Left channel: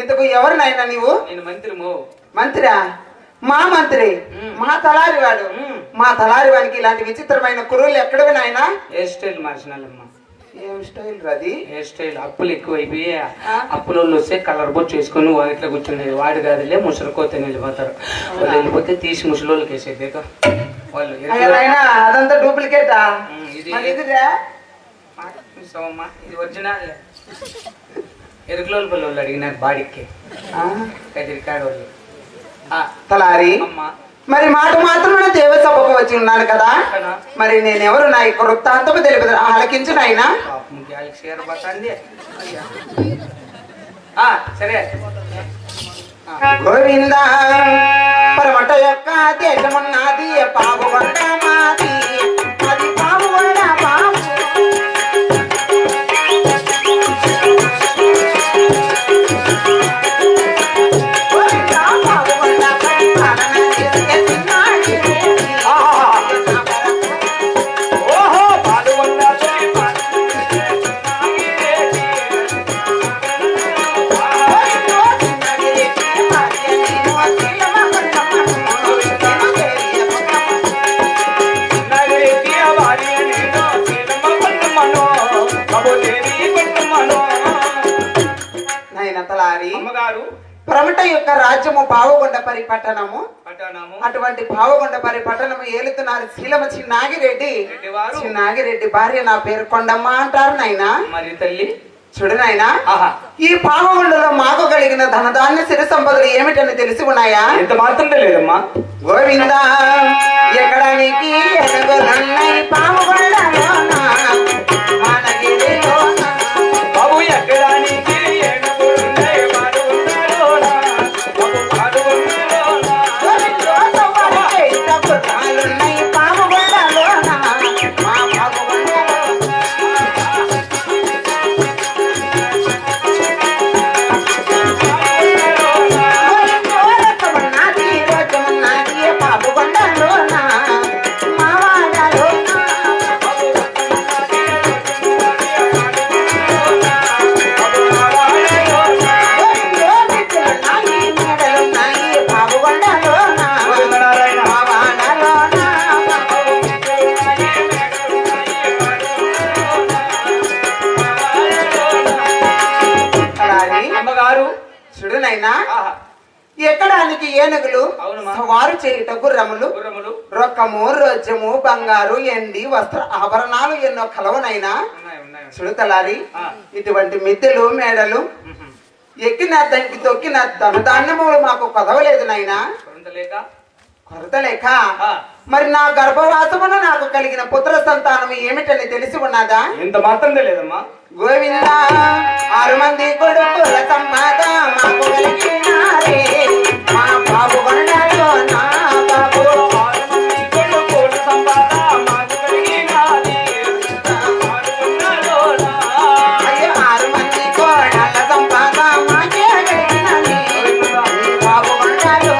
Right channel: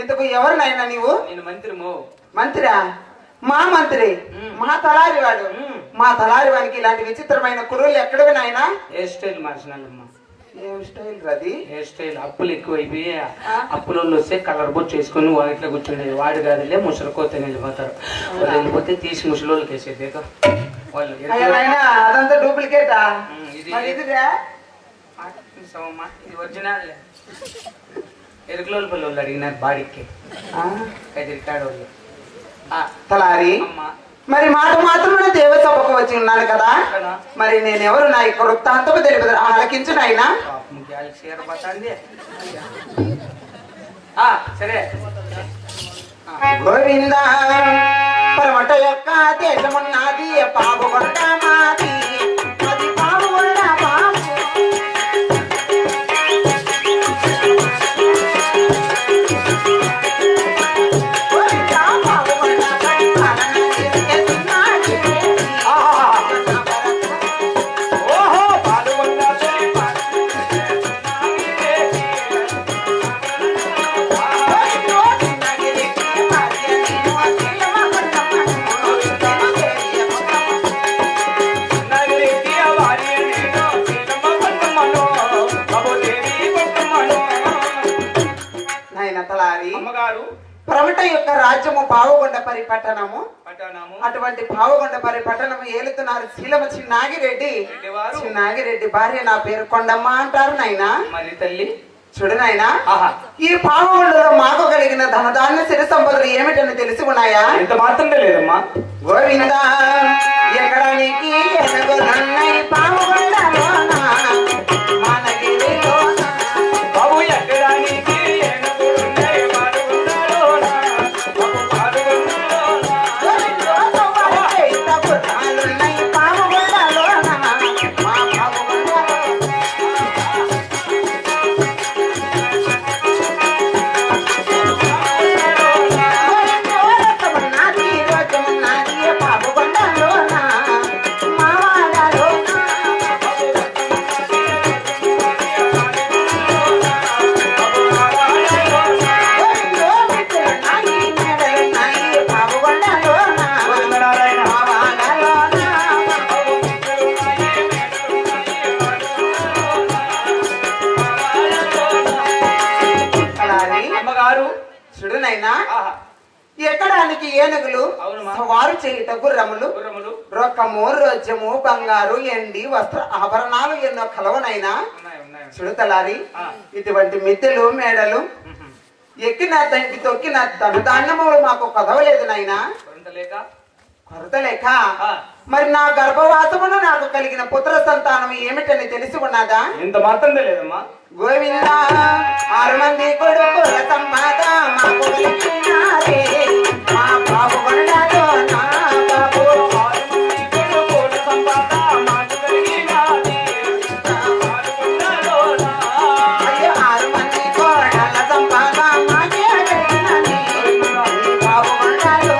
ఇంతకు ఎవరు నాయన నీవు? నేను మంత్రిమో. మంత్రా? మా మంత్రి, మా తలారి వాడు. మా తలారి వాడికి ఇలాంటి విచిత్రమైన కురులు ఎక్కడవి నాయన? హెయిర్ స్టైల్ మార్చినాలమ్మా. ఏం స్టైల్ రది? హెయిర్ స్టైల్ అప్పులు ఎక్కువైపోయి అప్పులో వస్తే కలర్ బొచ్చు వేసుకుని వాటిలో కూర్చునేది. వాడు కాదులే ముసలికోతే వెళ్ళిపోతారు. వాళ్ళు వెళ్ళిపోతే తీసి ముసలోళ్ళకి వేసేది వాళ్ళు. అదంతా డూప్లికేటా? ఇది ఇది ఒరిజినల్. ఎరుకులోళ్ళ పిల్లలు అడిగినారు బాడీకి కదిరికాడు వాళ్ళు. తలారి మరి మాట మాత్రం దేవసభకు వచ్చి ఉన్నాను కదా, మరి నేనెవరు నా యొక్క వృత్తాంతము తెలుపుదు ఆలకించు నాయన. సరే. గోవింద పరమట యొక్క దేశమున్నది పావుగొండ మాది, అది పావుగొండ మాది. ప్రమట యొక్క రాజ్యము పావుగొండ పరిపట్టణము. అటువంటి పావుగొండ పరిపట్టణము ఏలుతున్నారు శీలమ చిన్నాగిరెడ్డి. చిన్నాగిరెడ్డి భార్య నా పేరు కొండమ్మ అంటారు నాయన. మరి తల్లి చూడు నాయన, ఈ పావుగొండలో మాకు కలిగిన ధనధాన్య సిరి సంపదలు ఏమిటని తెలిసి ఉన్నాయా? ఎంత మాత్రం తెలియదమ్మా. గోవింద ఎక్కడ నీకి పావుగొండలో బాబు ఎక్కడానికి ఎక్కడానికి ఏనుగులు, వారు చేయుట గుర్రములు, రొక్కము, రోజము, బంగారు, ఎండి, వస్త్ర ఆభరణాలు ఎన్నో కలవనైనా. చూడతలారి ఇటువంటి మిద్దెలు మేడలు ఎక్కిన దానికి తొక్కిన ధనధాన్యము మాకు కొదవలేదు నాయన. కొరత లేక మరి నా గర్భవాసమున నాకు కలిగిన పుత్ర సంతానం ఏమిటని తెలిసి ఉన్నదా? ఇంత మాత్రం తెలియదమ్మా. గోవింద 6 మంది కొడుకుల సంపాద మాకు కలిగినారే, మా పావుగొండలో నా బాబు. 6 మంది కొడుకుల సంపాద మాకు కలిగినారే, అయ్యో 6 మంది కోడల సంపాద మాకే కలిగినది, పావుగొండలో.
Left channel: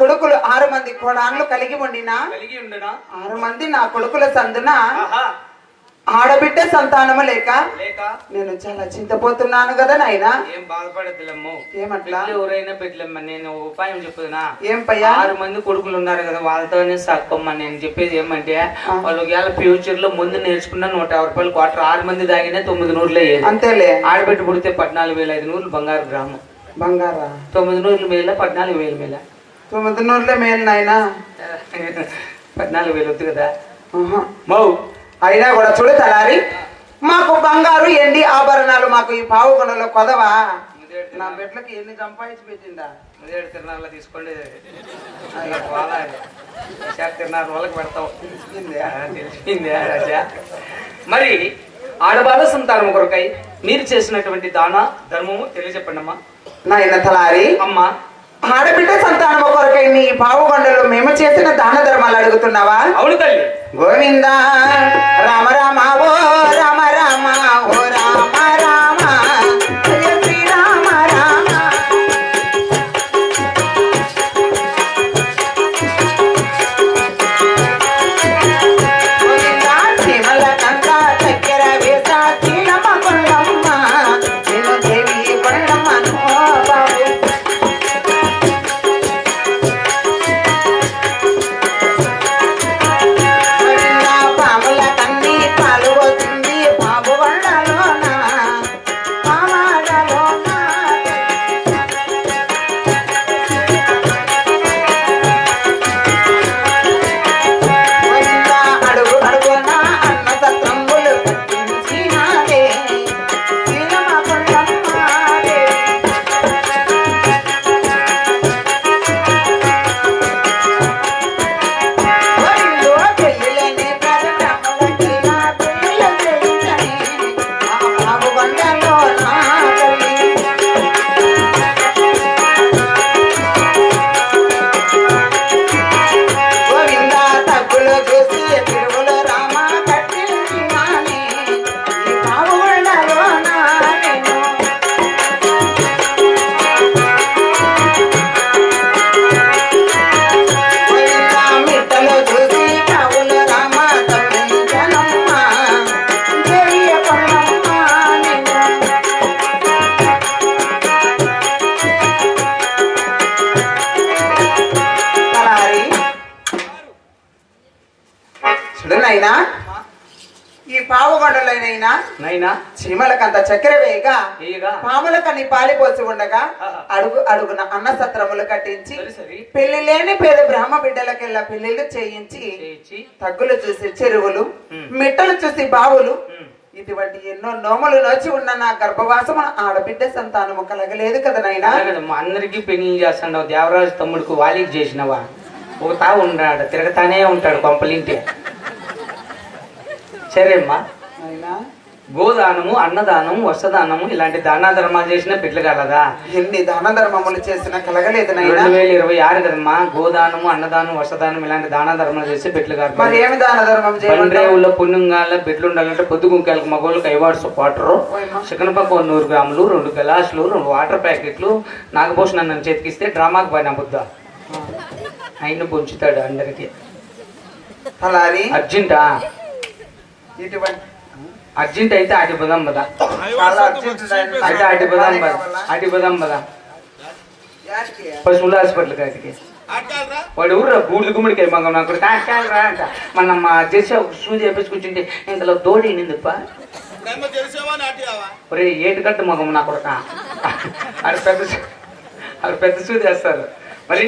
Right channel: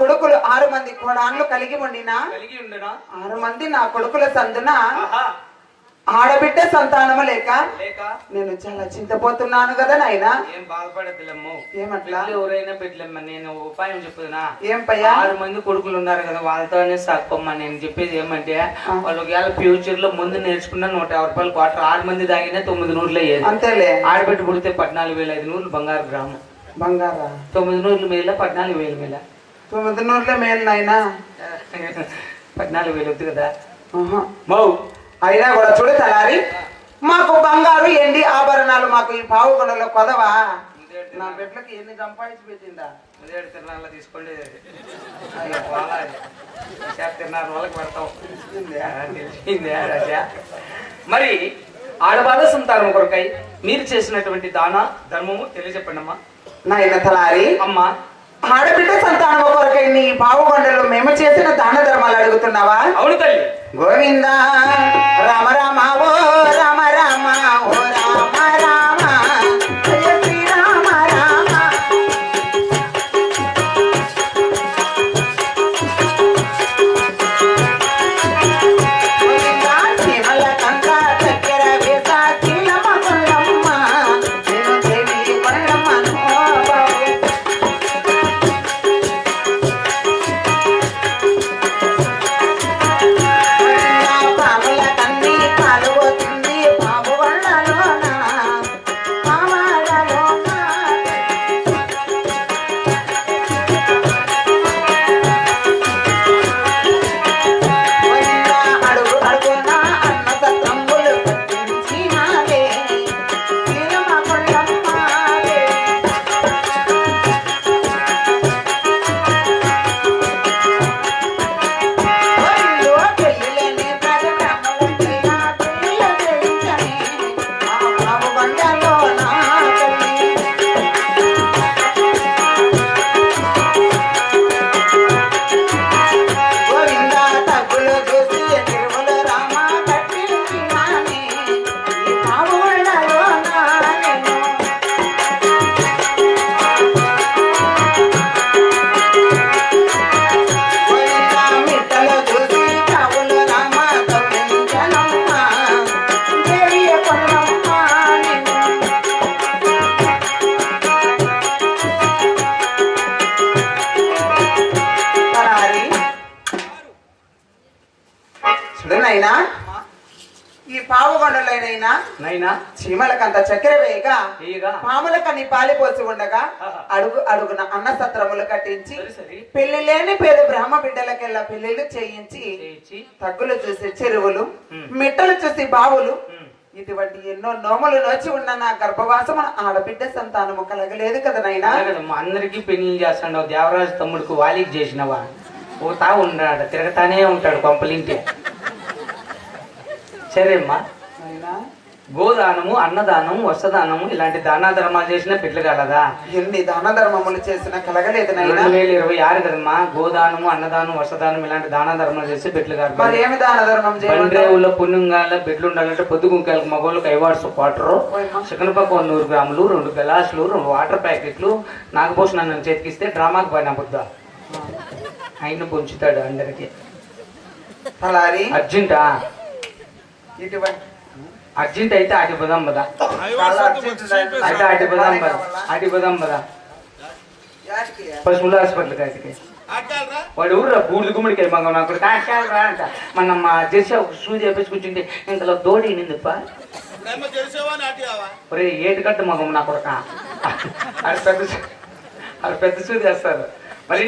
కొడుకులు 6 మంది కోడాన్లు కలిగి ఉండినా కలిగి ఉండనా 6 మంది నా కొడుకుల సందున ఆహా ఆడబిడ్డ సంతానము లేక లేక నేను చాలా చింతపోతున్నాను కదా నాయనా. ఏం బాధపడద్దులమ్ము. ఏమట్లా? ఎవరైనా పెట్టలేమ్మా. నేను ఉపాయం చెప్పుదునా. ఏం పయ్యా? 6 మంది కొడుకులు ఉన్నారు కదా, వాళ్ళతోనే సాక్కోమ్మా. నేను చెప్పేది ఏమంటే వాళ్ళు ఫ్యూచర్ లో ముందు నేర్చుకున్న 150 రూపాయలు క్వార్టర్ 6 మంది దాగినా 9 నూరులే అంతేలే. ఆడబెట్టి పుడితే 14,500 బంగారు గ్రామం. బంగారా 9 నూరులు మేల 14,000 మేల 9 నూరులే మేలు నాయనా. 14,000 వద్దు కదా ఆహా. మౌ. అయినా కూడా చూడు తలారి, మాకు బంగారు ఎండి ఆభరణాలు మాకు ఈ పావుగొండలో కొదవా. నా బిడ్డలకి ఎన్ని సంపాదించి పెట్టిందా. ఉదయం తిరునాళ్ళ తీసుకోండి. తిరునాళ్ళ వాళ్ళకి పెడతాం. తెలిసిందే రాజా. మరి ఆడబాల సంతానం కొరకై మీరు చేసినటువంటి దాన ధర్మము తెలియజెప్పండి అమ్మా. నాయన తలారి, అమ్మా ఆడబిడ్డ సంతానం కొరకై నీ పావుగొండలో మేము చేసిన దాన ధర్మాలు అడుగుతున్నావా? అవును తల్లి. గోవింద రామ రామ ఓ రామ రామ ఓ రామ రామ జయ శ్రీరామ రామ. గోవింద శ్రీమల కంద చక్కెర వేస చీలమ కొల్లమ్మ నేను దేవి కొల్లమ్మను బాబు. పాముల కన్ని పాలు పోతుంది పాము వాళ్ళలోన పామాలలోన. అడుగు అడుగున అన్న సత్రంగులు కట్టించినాడే శ్రీరమ కొల్లమ్మాడే. ఒళ్ళో పెళ్ళిలేని ప్రజలములకి నా పెళ్ళిళ్ళ చేయించని ఆ పావుగొండలో నా తల్లి. గోవింద తగ్గులు చూసి తిరువులు రామ కట్టించినాని ఈ పావుగొండలో నా నేను. గోవింద మిట్టలు చూసి కావులు రామ తొలగించనమ్మ దేవి కొల్లమ్మ నిన్ను. తలారి, చూడు నాయనా, ఈ పావుగొండలోనైనా నైనా చీమలకంత చక్కెర వేయగా ఏగా పాములకని పాలిపోసి ఉండగా ఆహా. అడుగు అడుగున అన్న సత్రములు కట్టించి సరి సరి పెళ్లి లేని పేద బ్రహ్మ బిడ్డలకెల్లా పెళ్లిళ్ళు చేయించి చేయించి తగ్గులు చూసి చెరువులు ఉమ్. మిట్టలు చూసి బావులు ఉమ్. ఇటువంటి ఎన్నో నోములు నోచి ఉన్న నా గర్భవాసము ఆడబిడ్డ సంతానము కలగలేదు కదా నాయనా. మా అందరికి పెళ్లి చేస్తున్నావు. దేవరాజు తమ్ముడికి వాలికి చేసినవా? ఒక తాగు ఉన్నాడు, తిరగతానే ఉంటాడు కొంపలింటి. సరే అమ్మా. నాయనా, గోదానము, అన్నదానము, వస్త్రదానము ఇలాంటి దానా ధర్మాలు చేసిన బిడ్డలు కలదా? ఎన్ని దాన ధర్మములు చేసినా కలగలేదు నాయనా. 2026 కదమ్మా. గోదానము, అన్నదానం, వస్త్రదానం ఇలాంటి దానా ధర్మాలు చేసి బిడ్డలు మరి కాదు. ఏమి దాన ధర్మం చేయాలి? బండ్రేవుల్లో పుణ్యంగాల బిడ్డలు ఉండాలంటే పొద్దు గుంకాలకు మగవాళ్ళకి 5 వాట్స్ క్వార్టరు, చికెన్ పక్క 100 గ్రాములు, 2 గలాసులు, 2 వాటర్ ప్యాకెట్లు నాగభూషణ నన్ను చేతికిస్తే డ్రామాకి పోయినా బుద్ధ ఆయన పొంచుతాడు అందరికి. తలారి, అర్జెంటా? ఇటువంటి అర్జెంట్ అయితే అటు పోదాం పదా. అయితే అటు పోదాం పదా. అటు పోదాం పదా. పశువుల హాస్పిటల్ కాటికి వాడు ఊర్రా బూడిద గుమ్మడికాయ మంగం నాకు కాకాలరా అంట. మనం జెర్సీ సూది వేపించుకుంటుంటే ఇంతలో దోడి నిందుప్ప ఒరే ఏటి కట్టు మగం నాకు అది పెద్ద సూది వేస్తారు. మరి